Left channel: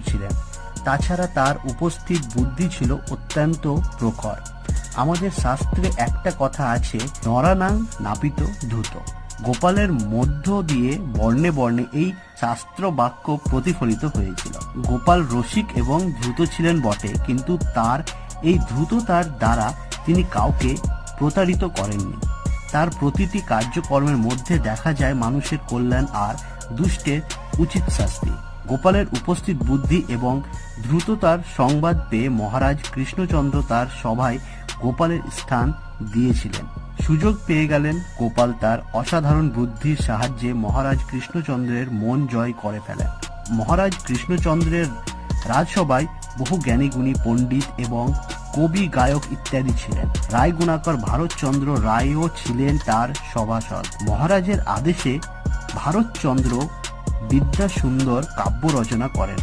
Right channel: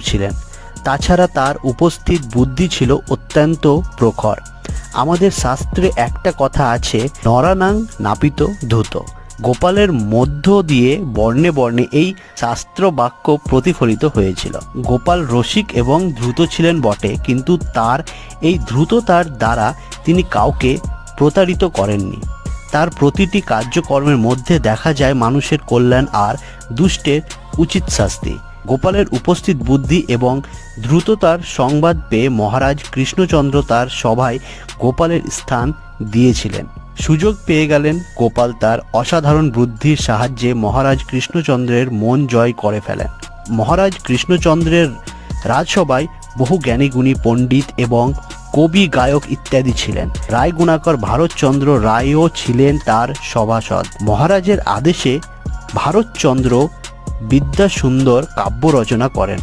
ছিলেন। তাছাড়া তার উপস্থিত বুদ্ধি ছিল অত্যন্ত প্রখর। আমাদের শাস্ত্রে একটা কথা আছে, নরানাং নাপিত ধূত। গোপালের মধ্য দিয়ে বর্ণে বর্ণে এই শাস্ত্র বাক্য প্রতিফলিত হয়েছিল। গোপাল রসিক এবং দ্রুত ছিলেন বটে, কিন্তু তার এই দ্রুততার দ্বারা তিনি কাউকে প্রতারিত করেননি। তার প্রতিটি কার্যকর্মের মধ্যে দেখা যায় মানুষের কল্যাণ আর দুষ্টের উচিত শাস্তি। গোপালের উপস্থিত বুদ্ধি এবং দ্রুততার সংবাদ পেয়ে মহারাজ কৃষ্ণচন্দ্র তার সভায় গোপালের স্থান দিয়েছিলেন। সুযোগ পেয়ে গেলেন গোপাল তার অসাধারণ বুদ্ধির সাহায্যে মহারাজ কৃষ্ণচন্দ্রের মন জয় করে ফেলেন। মহারাজ কৃষ্ণচন্দ্রের রাজসভায় বহু জ্ঞানীগুণী পণ্ডিত এবং কবি, গায়ক ইত্যাদি ছিলেন। রায়গুণাকর ভারতচন্দ্র রায়ও ছিলেন তার সভাসদ। মহারাজের আদেশে ভারতচন্দ্র বিদ্যাসুন্দর কাব্য রচনা করেন।